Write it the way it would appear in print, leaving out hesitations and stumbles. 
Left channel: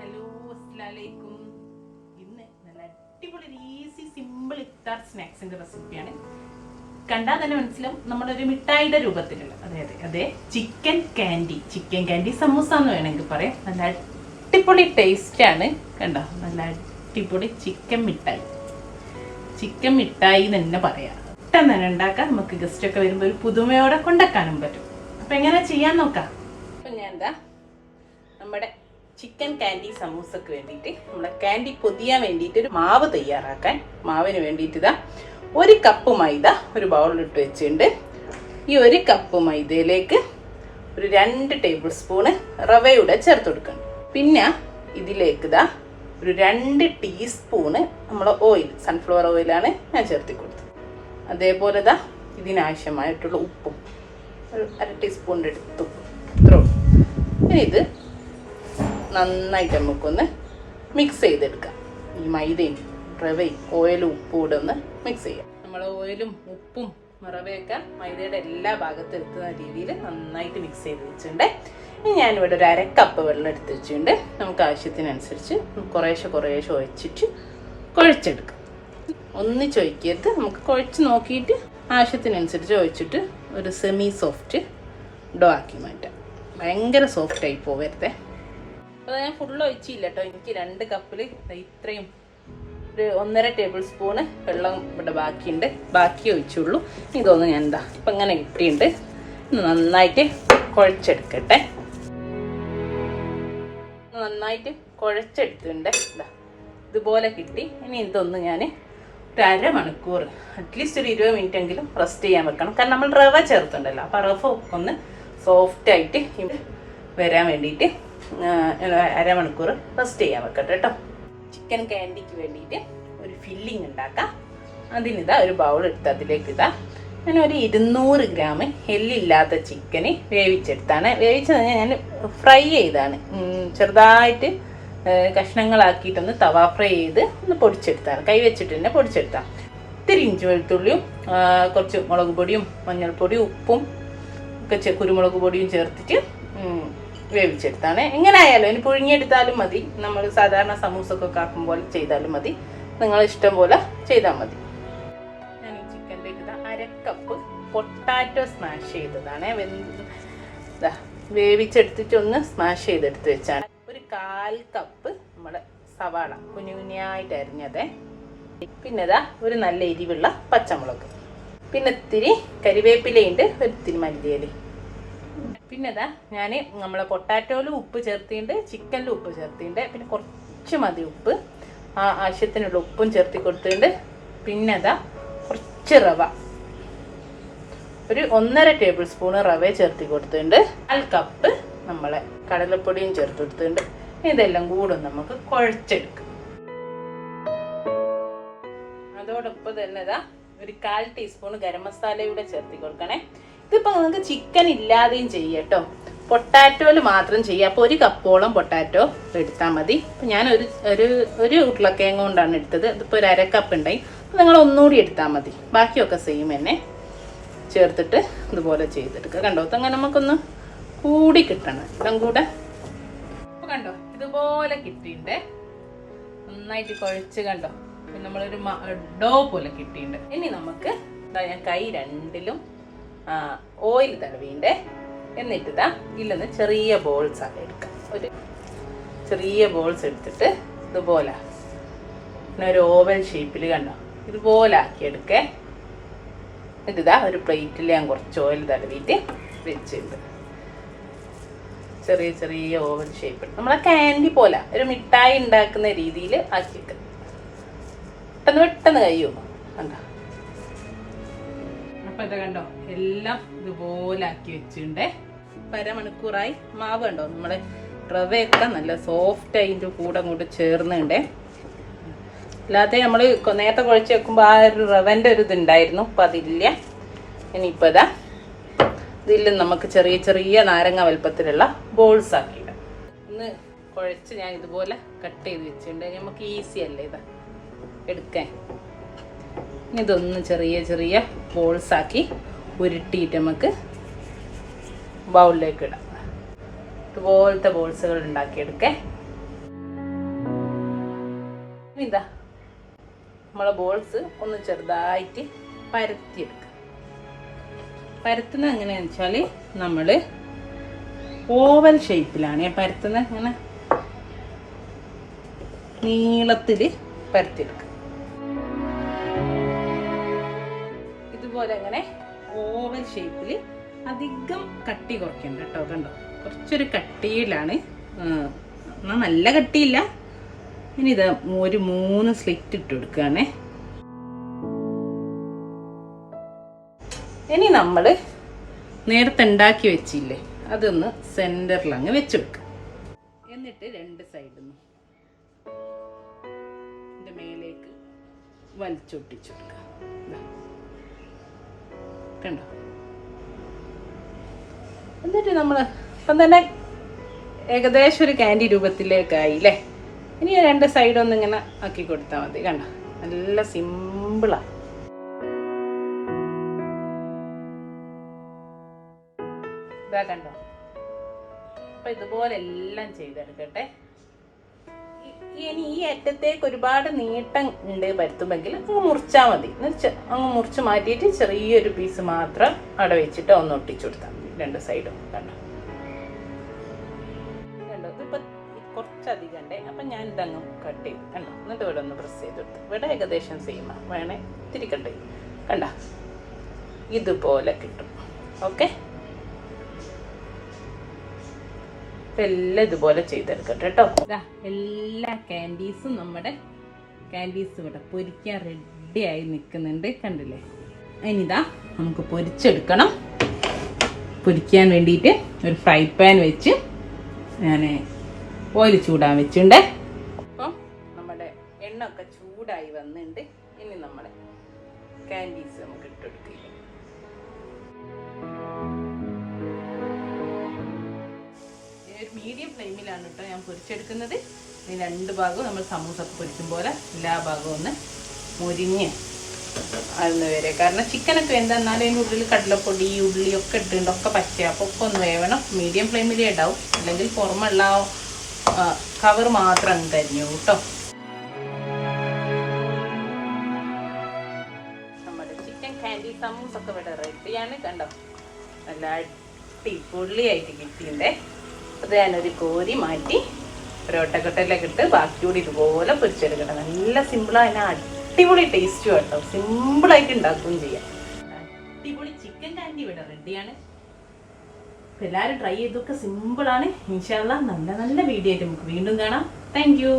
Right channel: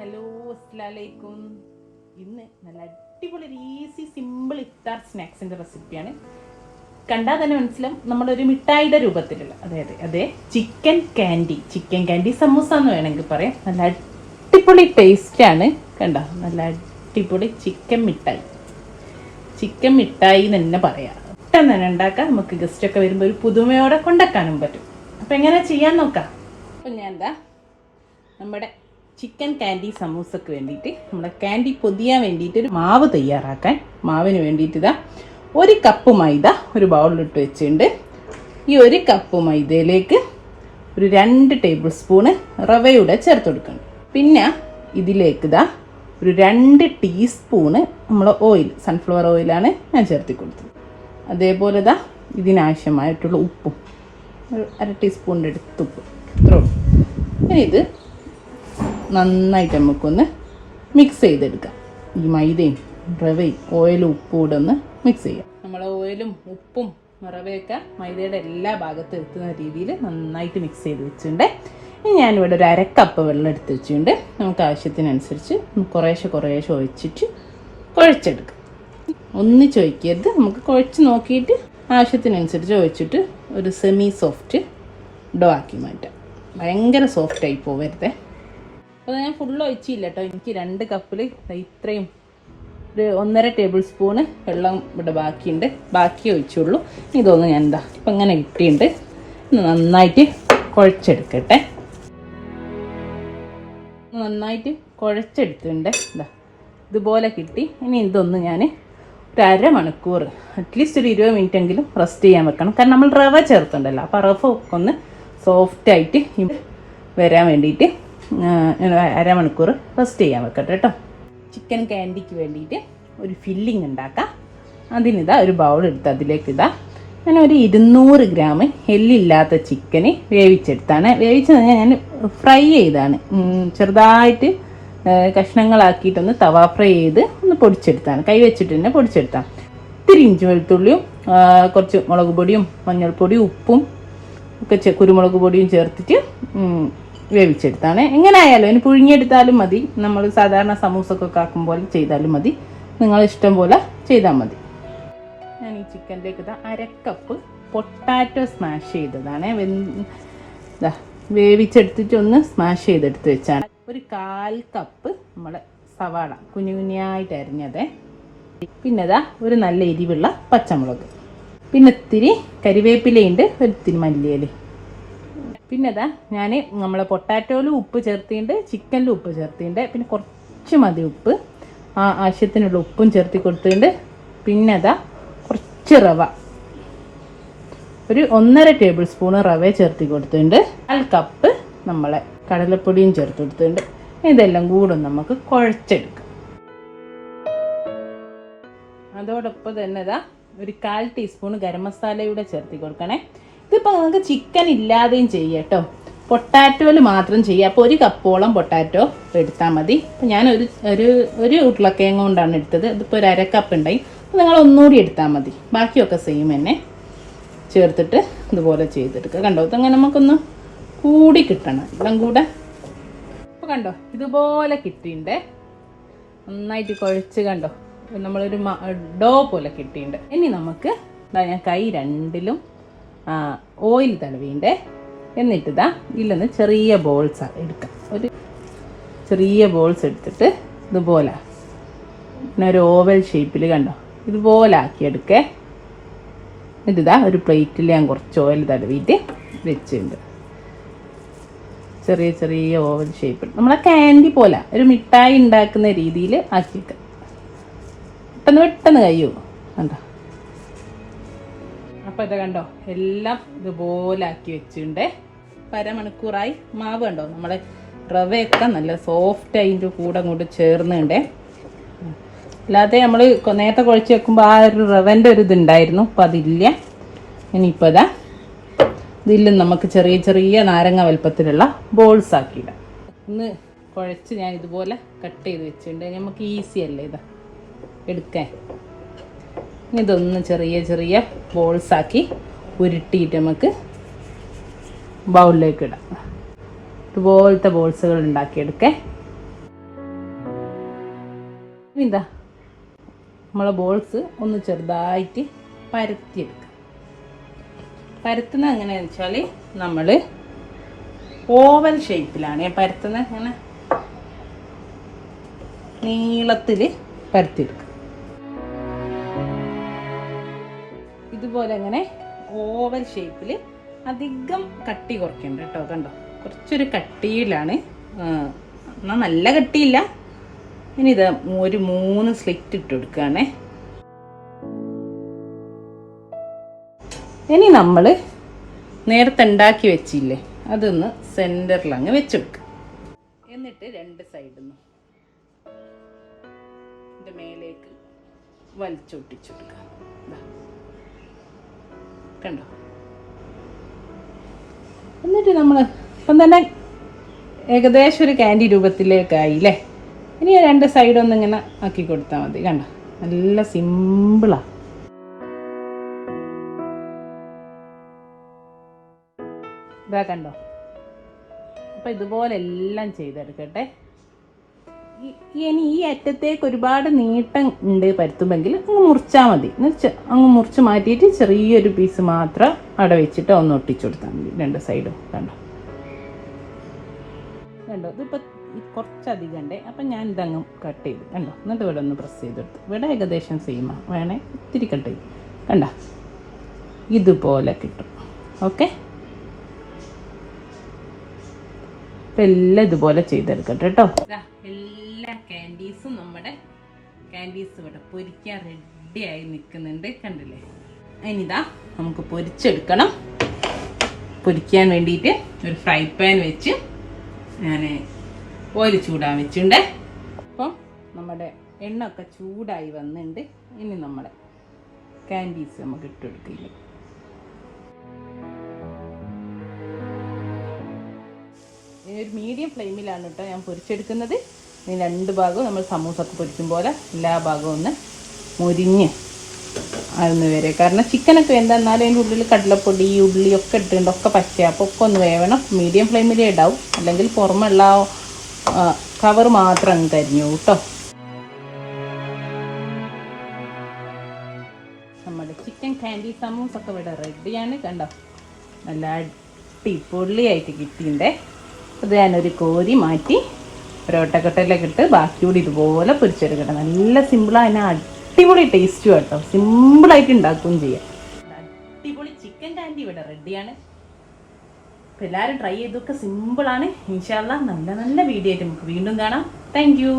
Hello, അസ്സലാമലൈക്കും. ഇന്ന് നല്ല അടിപൊളി ഈസി സിമ്പിൾ ഇഫ്താർ സ്നാക്സിൻ്റെ റെസിപ്പിയാണ്. കണ്ടാൽ തന്നെ മനസ്സിലാവും നമ്മളൊരു മിഠായിയുടെ രൂപത്തിലുള്ള അതെ ചിക്കൻ ക്യാൻഡി സമൂസ എന്ന് വേണമെങ്കിൽ പറയാം. നല്ല അടിപൊളി ടേസ്റ്റാണ്. കണ്ട, നല്ല അടിപൊളി ചിക്കൻ മിഠായി എന്ന് തന്നെ പറയാം. പെട്ടെന്ന് തന്നെ ഉണ്ടാക്കാം. നമുക്ക് ഗസ്റ്റൊക്കെ വരുമ്പോൾ ഒരു പുതുമയോടെ കൊണ്ടാക്കാനും പറ്റും. അപ്പം എങ്ങനെ ചെയ്യാൻ നോക്കാം. അപ്പം ഞാൻ എന്താ നമ്മുടെ ചിക്കൻ ക്യാൻഡി സമൂസക്ക് വേണ്ടിയിട്ട് നമ്മുടെ ക്യാൻഡി പൊതിയാൻ വേണ്ടിയിട്ട് ഒരു മാവ് തയ്യാറാക്കാൻ. മാവിന് വേണ്ടിയിട്ട് ഇതാ 1 കപ്പ് മൈദ ഒരു ബൗളിലിട്ട് വെച്ചിട്ടുണ്ട്. ഈ 1 കപ്പ് മൈദയിലേക്ക് ഒരു 2 ടേബിൾ സ്പൂണ് റവയുടെ ചേർത്ത് കൊടുക്കണം. പിന്നെ ഇതിലേക്ക് ഇതാ ഒരു 2 ടീസ്പൂണ് നമ്മൾ ഓയിൽ, സൺഫ്ലവർ ഓയിലാണ് ഞാൻ ചേർത്തി കൊടുത്തത്. അതേപോലെ ഇതാ ഇതിനാവശ്യമായിട്ടുള്ള ഉപ്പും, 1/2 ടീസ്പൂണിൻ്റെ അടുത്ത് ഉപ്പ്. ഇത്രയും. ഇനി ഇത് നന്നായിട്ട് നമുക്കൊന്ന് മിക്സ് ചെയ്തെടുക്കാം. ഈ മൈദയും റവയും ഓയിലും ഉപ്പും കൂടെ ഒന്ന് മിക്സ് ചെയ്യും. നമ്മൾ ഓയിലും ഉപ്പും റവയൊക്കെ മൈദയുടെ എല്ലാ ഭാഗത്തും എത്തുന്ന രീതിയിൽ നന്നായിട്ട് മിക്സ് ചെയ്ത് വെച്ചിട്ടുണ്ട്. ഇനി ഞാനിവിടെ ഒരു 1/2 കപ്പ് വെള്ളം എടുത്ത് വെച്ചിട്ടുണ്ട്. നമുക്ക് ആവശ്യത്തിനനുസരിച്ച് കുറേശ്ശെ ഒഴിച്ചിട്ട് കുഴച്ചെടുക്കാം. ഒന്നിച്ച് ഒഴിക്കരുത്, നമുക്ക് കുഴച്ച് നോക്കിയിട്ട് ആവശ്യത്തിനനുസരിച്ച് ഒഴിച്ചിട്ട് ഒരു സെമി സോഫ്റ്റ് ഡോ ആക്കി മാറ്റാം. ഭയങ്കര സോഫ്റ്റായി പോവരുതേ. അപ്പോൾ ഞാൻ ഫുള്ള് ഒഴിച്ചില്ല കേട്ടോ. എനിക്ക് 2 കപ്പിൽ ഇത്രയും ഒരു 1.5 ടേബിൾ സ്പൂണ് വെള്ളം ഇവിടെ ബാക്കിയുണ്ട്. ബാക്കി ഒഴിച്ചുള്ളൂ. ഇതൊന്ന് ഞാൻ എന്താ ഇപ്പം ഇങ്ങനെ ഇട്ടിട്ടുണ്ട്. നന്നായിട്ട് കുഴച്ചെടുക്കട്ടെ. നന്നായിട്ട് കുഴച്ചെടുത്തിട്ടുണ്ട്. ഇതുപോലെ കിട്ടി. ഇനി ഇതൊന്ന് ഞാൻ ഒരു 1/2 മണിക്കൂർ, അറ്റ്ലീസ്റ്റ് ഒരു 20 മിനിറ്റ് എങ്കിലും റെസ്റ്റ് ചെയ്യാൻ വെക്കണം. കാരണം നമ്മൾ റവ ചേർത്തുണ്ടല്ലോ. അപ്പോൾ റവ ഒക്കെ ഒന്ന് സോഫ്റ്റായിട്ട് വരാൻ വേണ്ടിയിട്ട് ഞാൻ 1/2 മണിക്കൂർ റെസ്റ്റ് ചെയ്യാൻ വെക്കട്ടെ കേട്ടോ. ചിക്കൻ ക്യാൻഡിക്ക് വേണ്ടിയിട്ട് ഒരു ഫില്ലിങ് ഉണ്ടാക്കാം. അതിനിതാ ഒരു ബൗൾ എടുത്ത് അതിലേക്ക് ഇതാ ഞാൻ ഒരു 200 ഗ്രാം എല്ലില്ലാത്ത ചിക്കന് വേവിച്ചെടുത്താണ്. വേവിച്ചത് ഞാൻ ഫ്രൈ ചെയ്താണ്. ചെറുതായിട്ട് കഷ്ണങ്ങളാക്കിയിട്ടൊന്ന് തവ ഫ്രൈ ചെയ്ത് ഒന്ന് പൊടിച്ചെടുത്താണ്. കൈ വെച്ചിട്ട് തന്നെ പൊടിച്ചെടുത്താണ്. ഇത്തിരി ഇഞ്ചി വെളുത്തുള്ളിയും കുറച്ച് മുളക് പൊടിയും മഞ്ഞൾപ്പൊടിയും ഉപ്പും ഒക്കെ കുരുമുളക് പൊടിയും ചേർത്തിട്ട് വേവിച്ചെടുത്താണ്. എങ്ങനെ ആയാലും ഇനി പുഴുങ്ങിയെടുത്താലും മതി. നമ്മൾ സാധാരണ സമൂസക്കൊക്കെ ആക്കും പോലെ ചെയ്താലും മതി. നിങ്ങൾ ഇഷ്ടം പോലെ ചെയ്താൽ മതി. ഞാൻ ഈ ചിക്കനിലേക്ക് 1/2 കപ്പ് പൊട്ടാറ്റോ സ്മാഷ് ചെയ്തതാണ്. വേവിച്ചെടുത്തിട്ട് ഒന്ന് സ്മാഷ് ചെയ്തെടുത്ത് വെച്ചാണ്. ഒരു 1/4 കപ്പ് നമ്മുടെ സവാള കുഞ്ഞായിട്ട് അരിഞ്ഞത്. പിന്നെ ഒരു നല്ല എരിവുള്ള പച്ചമുളക്, പിന്നെ ഇത്തിരി കരിവേപ്പിലയുണ്ട്, ഒരിത്തിരി മല്ലിയില. പിന്നെ ഞാൻ നമ്മൾ പൊട്ടാറ്റോയിലും ഉപ്പ് ചേർത്തിട്ടുണ്ട്, ചിക്കനിലും ഉപ്പ് ചേർത്തിട്ടുണ്ട്. പിന്നെ കുറച്ച് മതി ഉപ്പ്, ആവശ്യത്തിനുള്ള ഉപ്പും ചേർത്തി കൊടുത്തിട്ടുണ്ട്. പിന്നെ കുറച്ച് റവ, ഒരു 1.5 ടേബിൾ സ്പൂണ് റവ ചേർത്തി കൊടുത്തിട്ടുണ്ട്. 1/4 കപ്പ് നമ്മളെ കടലപ്പൊടിയും ചേർത്ത് കൊടുത്തിട്ടുണ്ട്. ഇതെല്ലാം കൂടെ നമുക്ക് കുഴച്ചെടുക്കാം. അതോടൊപ്പം തന്നെ ഒരു 1/4 ടീസ്പൂൺ ഗരം മസാലയൂടെ ചേർത്തി കൊടുക്കണേ. ഇതിപ്പോൾ നമുക്ക് ചിക്കൻ ഇല്ലാതെയും ചെയ്യാം കേട്ടോ. പൊട്ടാറ്റോയിൽ മാത്രം ചെയ്യാം. അപ്പോൾ 1 കപ്പോളം പൊട്ടാറ്റോ എടുത്താൽ മതി. അപ്പോൾ ഞാൻ ഒരു ഉരുളക്കിഴങ്ങ് കൊണ്ടാണ് എടുത്തത്. ഇതിപ്പോൾ ഒരു 1/2 കപ്പ് ഉണ്ടായി. അപ്പോൾ നിങ്ങൾ ഒന്നുകൂടി എടുത്താൽ മതി. ബാക്കിയൊക്കെ സെയിം തന്നെ ചേർത്തിട്ട് ഇതുപോലെ ചെയ്തെടുക്കുക. കണ്ടോ, അങ്ങനെ നമുക്കൊന്ന് കൂടി കിട്ടണം എല്ലാം കൂടെ. അപ്പോൾ കണ്ടോ, ഇതുപോലെ കിട്ടിയിട്ടുണ്ട്. നന്നായിട്ട് കുഴച്ച് കണ്ടോ, നമ്മളൊരു ഡോ പോലെ കിട്ടിയിട്ടുണ്ട്. ഇനി നമുക്ക് ഞാൻ കൈ 2ലും ഓയിൽ തടവിണ്ട്. എന്നിട്ട് ഇതിലൊന്ന് ചെറിയ ബോൾസ് എടുക്കാം. ഒരു ചെറിയ ബോൾസ് എടുത്തിട്ട് ഇതുപോലെ പിന്നെ ഒരു ഓവൽ ഷേപ്പിൽ കണ്ടോ ഇതുപോലെ ആക്കിയെടുക്കേ. എന്നിട്ട് ഒരു പ്ലേറ്റിൽ ഞാൻ കുറച്ച് ഓയിൽ തടവിയിട്ട് വെച്ചിട്ടുണ്ട്. ചെറിയ ചെറിയ ഓവൽ ഷേപ്പിൽ നമ്മളെ ക്യാൻഡി പോലെ ഒരു മിഠായി ഉണ്ടാക്കുന്ന രീതിയിൽ ആക്കിയിട്ട് പെട്ടെന്ന് കഴിയൂ കണ്ടോ. അപ്പം ഇത് കണ്ടോ എല്ലാം ഇതുപോലെ ആക്കി വെച്ചിട്ടുണ്ട്. 1/2 മണിക്കൂറായി. മാവ് കണ്ടോ നമ്മുടെ റവയൊക്കെ നല്ല സോഫ്റ്റ് അതിൻ്റെ കൂടെ അങ്ങോട്ട് ചേർന്നുണ്ട്. അല്ലാതെ നമ്മൾ നേരത്തെ കുഴച്ച് വെക്കുമ്പോൾ ആ ഒരു റവൻ്റെ ഒരു ഇതുണ്ടായിരുന്നു. അപ്പം അതില്ല. ഇനിയിപ്പോൾ ഇതിൽ നമുക്ക് ചെറിയ ചെറിയ നാരങ്ങ വലുപ്പത്തിലുള്ള ബോൾസ് ആക്കിയിടാം. ഇന്ന് കുഴച്ച് ഞാൻ ഇതുപോലെ കട്ട് ചെയ്ത് വെച്ചിട്ടുണ്ട്. നമുക്ക് ഈസി അല്ലേ എടുക്കാൻ. ഇതൊന്ന് ചെറിയ ചെറിയ ബോൾസാക്കി ഉരുട്ടിയിട്ട് നമുക്ക് ബൗളിലേക്ക് ഇടാം. ഇതുപോലത്തെ ബോൾസുകൾ ഉണ്ടാക്കിയെടുക്കേ. ഇതാ നമ്മളെ ബോൾസ് ഒന്ന് ചെറുതായിട്ട് പരത്തിയെടുക്കുക. പരത്തുന്നത് എങ്ങനെയാണെന്ന് വെച്ചാൽ നമ്മൾ ഓവൽ ഷേപ്പിലാണ് പരത്തുന്നത്. അങ്ങനെ നീളത്തിൽ പരത്തിയെടുക്കുക. ഇതുപോലെ ഇങ്ങനെ ഓവൽ ഷേപ്പിൽ അധികം കട്ടി കുറയ്ക്കുന്നുണ്ട് കേട്ടോ. കണ്ടോ, കുറച്ചൊരു കട്ടിയിലാണ്, എന്നാൽ നല്ല കട്ടിയില്ല. ഇനി ഇത് ഒരു 3 സ്ലിറ്റ് ഇട്ട് കൊടുക്കുകയാണേ. ഇനി നമ്മൾ നേരത്തെ ഉണ്ടാക്കി വെച്ചില്ലേ, അതൊന്ന് സെൻറ്ററിൽ അങ്ങ് വെച്ചെടുക്കുക. എന്നിട്ട് 2 സൈഡിൽ നിന്നും ഇതിൻ്റെ മേലേക്ക് വലിച്ചൊട്ടിച്ചു കൊടുക്കുക. കണ്ടോ, എന്നിട്ട് നമ്മൾ ഇപ്പം തന്നെ ഏകദേശം ഒരു ക്യാൻഡി രൂപത്തിലേക്കായില്ലേ. ഇനി 2 സൈഡൊന്നും ഇങ്ങനെ ആക്കി കൊടുത്താൽ മതി. കണ്ടോ, നല്ല സിമ്പിളാണ്. ഇതാ കണ്ടോ. അപ്പം ഇതുപോലെ എല്ലാം ചെയ്തെടുക്കട്ടെ. ഇനി ഈ അറ്റത്തേക്ക് ഒരുപാട് നീട്ടം ഉണ്ട് പരത്തുമെങ്കിൽ അങ്ങ് മുറിച്ചാൽ മതി. അങ്ങ് മുറിച്ച് മാറ്റിയിട്ട് ചെറിയൊരു പീസ് മാത്രം അവിടെ വെച്ചിട്ട് ഒന്ന് ഒട്ടിച്ചു കൊടുത്താൽ മതി 2 സൈഡും. കണ്ടോ കണ്ടോ, ഇതിപ്പോൾ കുറച്ചധികം ഉണ്ട്. അപ്പം ഞാൻ ഇതങ്ങ് കട്ട് ചെയ്ത് കണ്ടോ. എന്നിട്ട് ഇവിടെ ഒന്ന് പ്രസ് ചെയ്ത് കൊടുത്തു. ഇവിടെ ഏകദേശം സെയിമാണ്, വേണേ ഇത്തിരി കട്ട് ചെയ്ത്. കണ്ടോ, ഇതുപോലെ കിട്ടും. ഓക്കെ, എല്ലാം ഇതുപോലെ ചെയ്തെടുക്കട്ടെ കേട്ടോ. എല്ലാ ക്യാൻഡീസും നമ്മുടെ ക്യാൻഡീസ് ഇവിടെ പൊരിക്കാൻ റെഡിയായി നിൽക്കുന്നുണ്ട്, കണ്ടില്ലേ. ഇനിതാ നമുക്ക് പൊരിച്ചെടുക്കണം. പൊരിക്കാൻ വേണ്ടിയിട്ട് ഒരു ഫ്രൈ പാൻ വെച്ച് ഞാൻ ഓയിൽ ചൂടാൻ വെച്ചിട്ടുണ്ട്. അപ്പം നമ്മുടെ എണ്ണ ഒക്കെ ചൂടായി വന്നിട്ടുണ്ട്. ഇനി നമ്മുടെ ക്യാൻഡീസ് നമുക്ക് ഇട്ടെടുക്കില്ല. ഒരു മീഡിയം ഫ്ലെയിമിലാണ് കേട്ടോ ഞാൻ പൊരിച്ചെടുക്കുന്നത്. ഇനി 2 ഭാഗവും നമ്മൾ സമൂസൊക്കെ പൊരിക്കും പോലെ എല്ലാ ഭാഗവും ഒന്ന് മുരിഞ്ഞ് അതൊന്ന് വരെ. കാരണം ചിക്കനൊക്കെ എന്താന്നാലും അതിൻ്റെ ഉള്ളിൽ കടലപ്പൊടി ഉള്ളിയൊക്കെ ഇട്ടിട്ടുണ്ട്, ഒക്കെ പച്ച. അപ്പോൾ ഒക്കെ ഒന്ന് വേവണം. മീഡിയം ഫ്ലെയിമിലേ ഉണ്ടാവും, അല്ലെങ്കിൽ പുറമെയുള്ള കവർ മാത്രം അങ്ങ് കരിഞ്ഞു കേട്ടോ. നമ്മുടെ ചിക്കൻ കാൻഡി സമൂസൊക്കെ ഇവിടെ റെഡിയാണ്. കണ്ടോ, നല്ല അടിപൊളിയായിട്ട് കിട്ടിയിട്ടുണ്ടേ. അത് ഞാനൊരു കോരി മാറ്റി ഒരോട്ടക്കട്ടയിലേക്ക് ഇട്ട് ബാക്കി കൂടി ഇതുപോലെ പൊരിച്ചെടുക്കണം. നല്ല സിമ്പിളാണ്, അതിന് അടിപൊളി ടേസ്റ്റും കേട്ടോ. സിമ്പിളായിട്ട് ഉണ്ടാക്കുകയും ചെയ്യാം. അടിപൊളി ചിക്കൻ കാൻഡി ഇവിടെ റെഡിയാണ്. അപ്പോൾ എല്ലാവരും ട്രൈ ചെയ്തൊക്കെ സിമ്പിളാണ്. ഇൻഷാ അല്ലാഹ് നല്ല നല്ല വീഡിയോ ആയിട്ട് നമുക്ക് വീണ്ടും കാണാം. Thank you.